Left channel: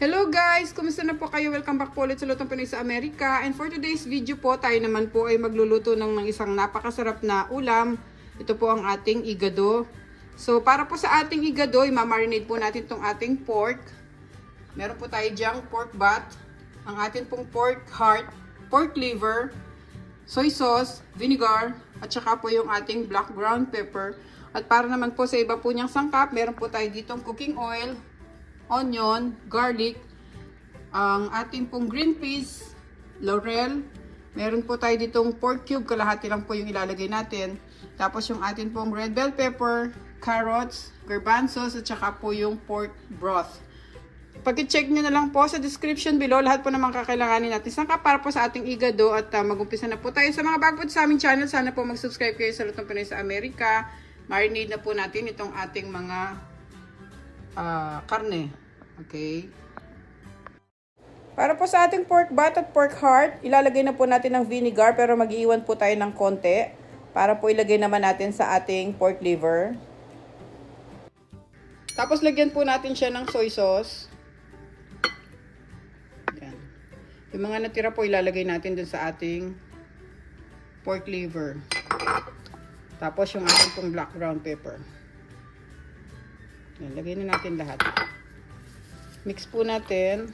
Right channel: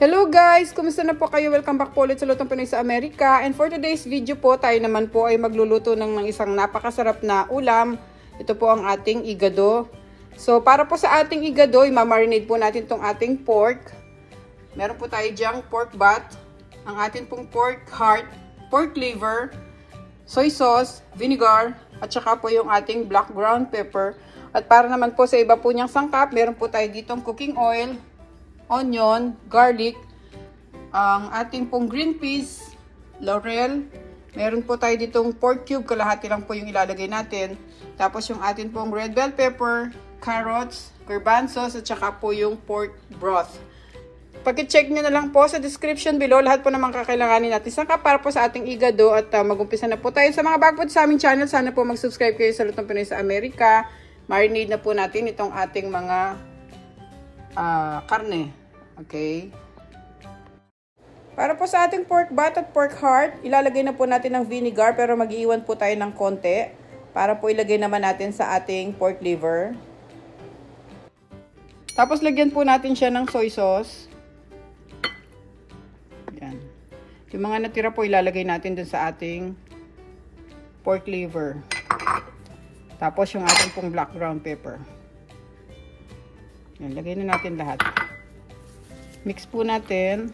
Hello guys! Kumusta na po kayo? Welcome back po ulit sa Lutong Pinoy sa Amerika. And for today's video po, tayo naman po ay magluluto ng isang napakasarap na ulam. Ito po ang ating igado. So para po sa ating igado, i-marinate po natin itong ating pork. Meron po tayo diyang pork butt, ang ating pong pork heart, pork liver, soy sauce, vinegar, at saka po yung ating black ground pepper. At para naman po sa iba po niyang sangkap, meron po tayo ditong cooking oil, onion, garlic, ang ating pong green peas, laurel, meron po tayo ditong pork cube, kalahati lang po yung ilalagay natin. Tapos yung ating pong red bell pepper, carrots, garbanzos, at saka po yung pork broth. Pag-check nyo na lang po sa description below, lahat po naman kakailanganin natin sangkap para po sa ating igado at mag-umpisa na po tayo. Sa mga bago po sa aming channel, sana po mag-subscribe kayo sa Lutong Pinoy sa Amerika. Marinate na po natin itong ating mga karne. Okay. Para po sa ating pork butt at pork heart, ilalagay na po natin ng vinegar pero mag-iiwan po tayo ng konti para po ilagay naman natin sa ating pork liver. Tapos lagyan po natin siya ng soy sauce. Yan. Yung mga natira po ilalagay natin dun sa ating pork liver. Tapos yung ating pong black ground pepper. Yan, lagay na natin lahat. Mix po natin.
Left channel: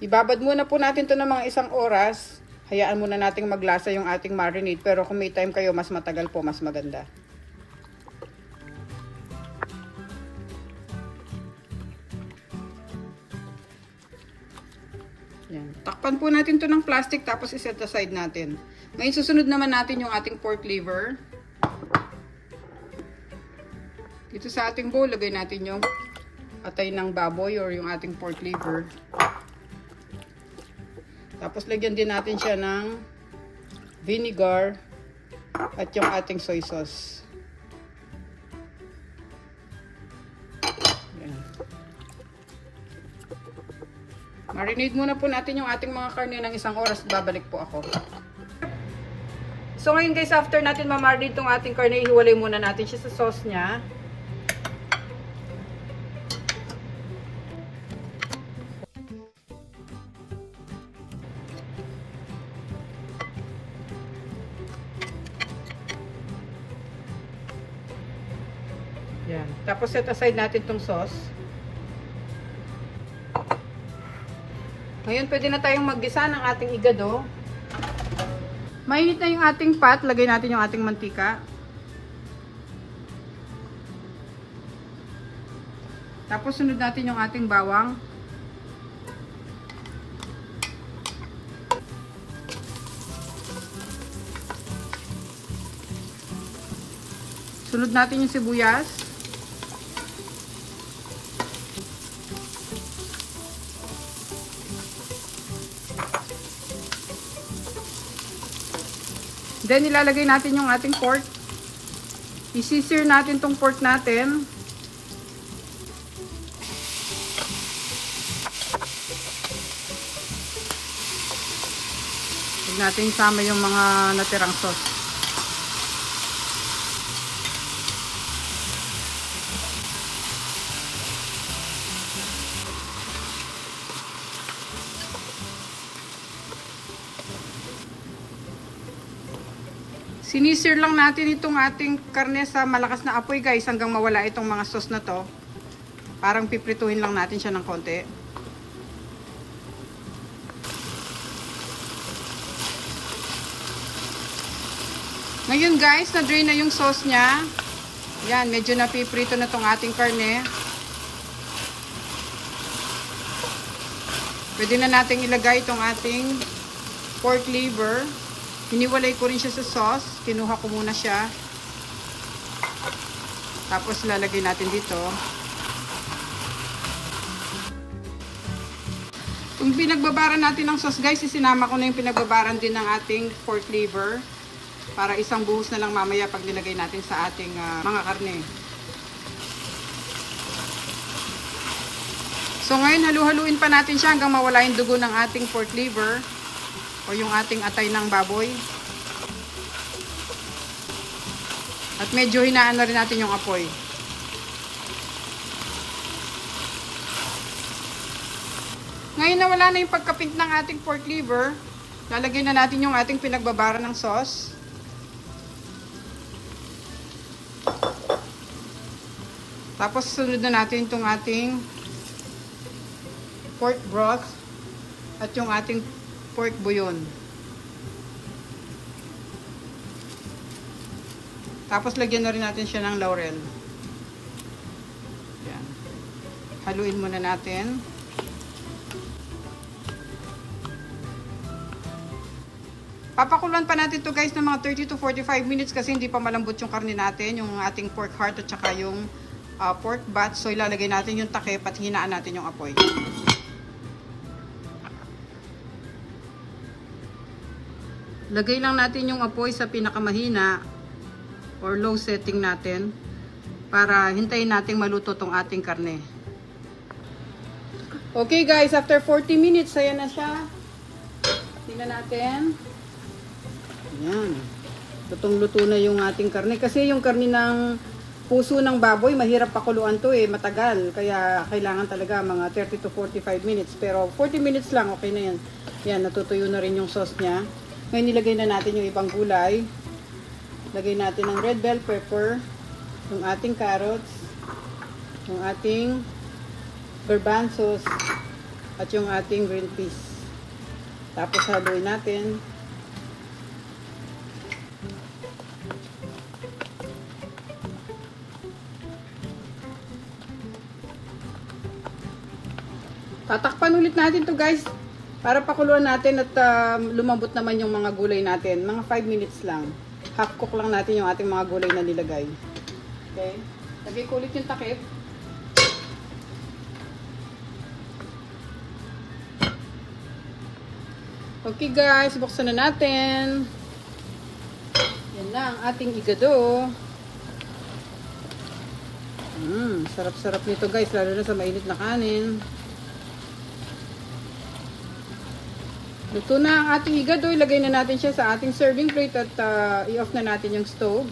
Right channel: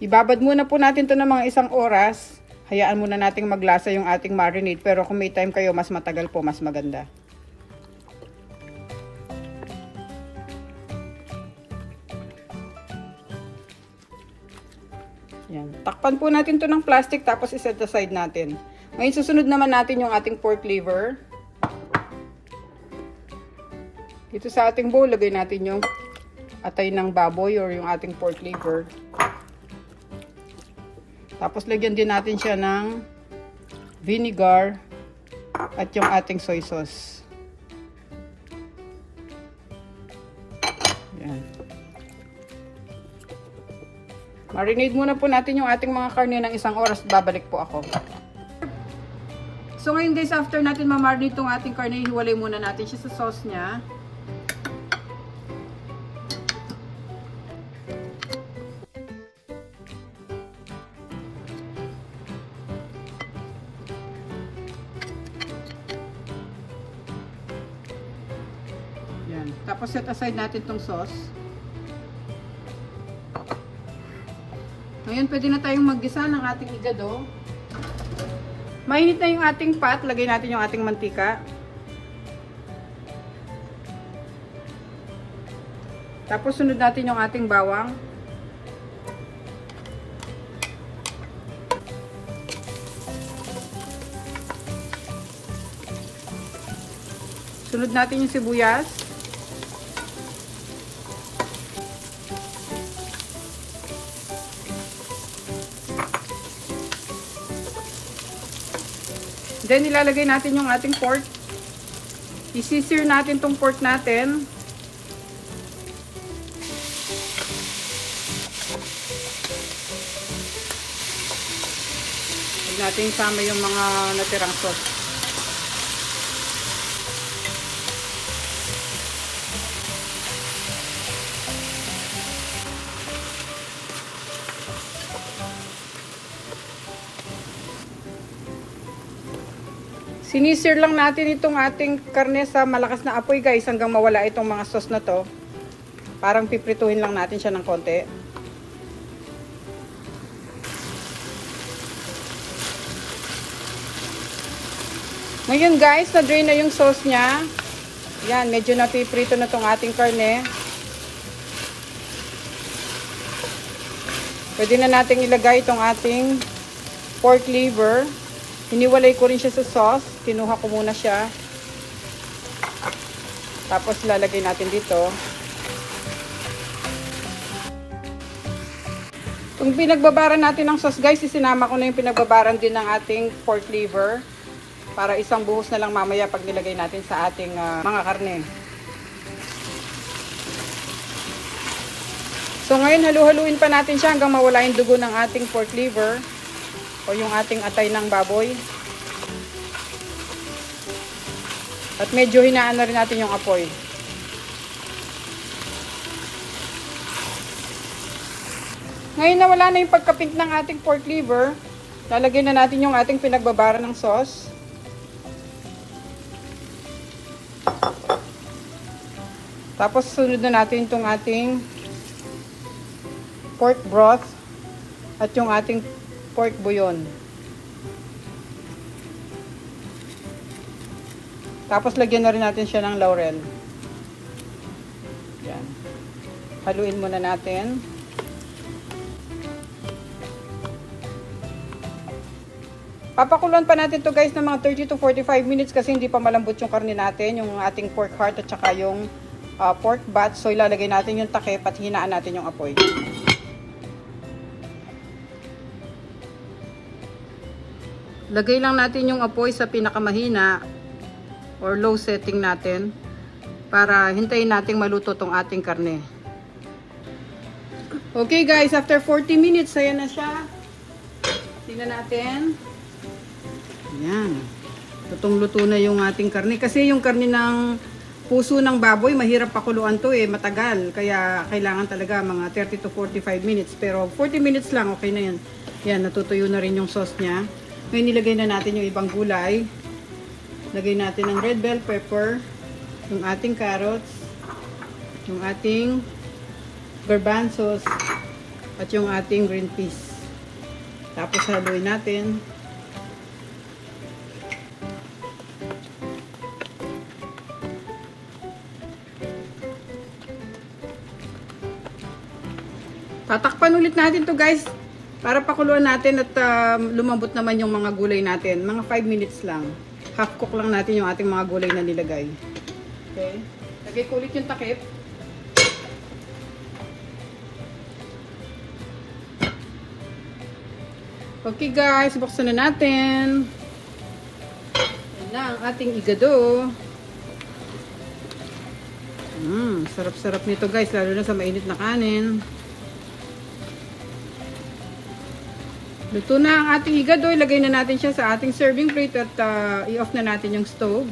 Ibabad muna po natin to ng mga 1 oras. Hayaan muna nating maglasa yung ating marinade. Pero kung may time kayo, mas matagal po, mas maganda. Yan. Takpan po natin to ng plastic tapos iset aside natin. Ngayon susunod naman natin yung ating pork liver. Dito sa ating bowl, lagay natin yung atay ng baboy or yung ating pork liver. Tapos lagyan din natin siya ng vinegar at yung ating soy sauce. Yan. Marinate muna po natin yung ating mga karne ng 1 oras. Babalik po ako. So ngayon guys, after natin ma-marinate itong ating karne, hiwalay muna natin siya sa sauce niya. Yan. Tapos set aside natin itong sauce. Ngayon pwede na tayong maggisa ng ating igado. Mainit na yung ating pot. Lagay natin yung ating mantika. Tapos sunod natin yung ating bawang. Sunod natin yung sibuyas. Then, ilalagay natin yung ating pork. I-sear natin tong pork natin. Huwag natin sama yung mga natirang sauce. Sinisir lang natin itong ating karne sa malakas na apoy guys hanggang mawala itong mga sauce na to. Parang piprituhin lang natin siya ng konti. Ngayon guys, na-drain na yung sauce niya. Yan, medyo napiprito na itong ating karne. Pwede na nating ilagay itong ating pork liver. Hiniwalay ko rin siya sa sauce. Kinuha ko muna siya. Tapos lalagay natin dito. Kung pinagbabaran natin ng sauce guys, isinama ko na yung pinagbabaran din ng ating pork liver. Para isang buhos na lang mamaya pag nilagay natin sa ating mga karne. So ngayon halu-haluin pa natin siya hanggang mawala yung dugo ng ating pork liver. O yung ating atay ng baboy. At medyo hinaan na rin natin yung apoy. Ngayon na wala na yung pagka-pink ng ating pork liver, lalagyan na natin yung ating pinagbabara ng sauce. Tapos sunod na natin itong ating pork broth at yung ating pork bouillon. Tapos lagyan na rin natin siya ng laurel. Yan. Haluin muna natin. Papakuluan pa natin to guys ng mga 30 to 45 minutes kasi hindi pa malambot yung karne natin, yung ating pork heart at saka yung pork butt. So ilalagay natin yung takip at hinaan natin yung apoy. Lagay lang natin yung apoy sa pinakamahina or low setting natin para hintayin nating maluto tong ating karne. Okay guys, after 40 minutes, ayan na siya. Tingnan natin. Ayan. Lutong-luto na yung ating karne. Kasi yung karne ng puso ng baboy, mahirap pakuluan to matagal. Kaya kailangan talaga mga 30 to 45 minutes. Pero 40 minutes lang, okay na yan. Yan, natutuyo na rin yung sauce niya. Ngayon nilagay na natin yung ibang gulay. Lagay natin ng red bell pepper, yung ating carrots, yung ating garbanzos, at yung ating green peas. Tapos haluin natin. Tatakpan ulit natin to guys para pakuluan natin at lumambot naman yung mga gulay natin. Mga 5 minutes lang. Half cook lang natin yung ating mga gulay na nilagay. Okay. Lagay ko ulit yung takip. Okay guys, buksan na natin. Yan na ang ating igado. Sarap-sarap nito guys, lalo na sa mainit na kanin. Luto na ang ating igado. Ilagay na natin siya sa ating serving plate at i-off na natin yung stove.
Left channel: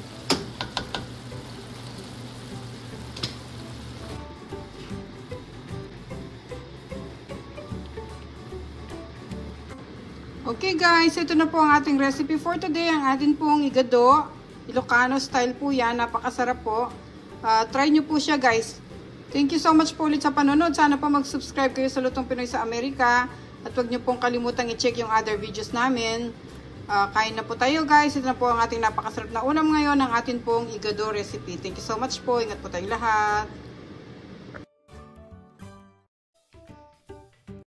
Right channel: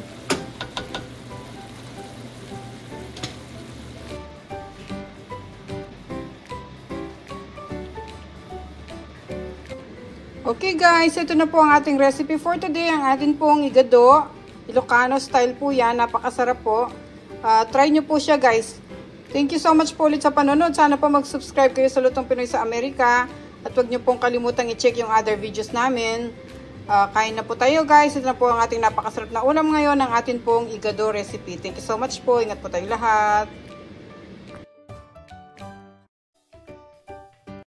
Okay guys, ito na po ang ating recipe for today. Ang atin pong igado. Ilocano style po yan. Napakasarap po. Try nyo po siya guys. Thank you so much po ulit sa panonood. Sana po mag-subscribe kayo sa Lutong Pinoy sa Amerika. At huwag nyo pong kalimutang i-check yung other videos namin. Kain na po tayo guys. Ito na po ang ating napakasarap na ulam ngayon. Ang atin pong igado recipe. Thank you so much po. Ingat po tayong lahat.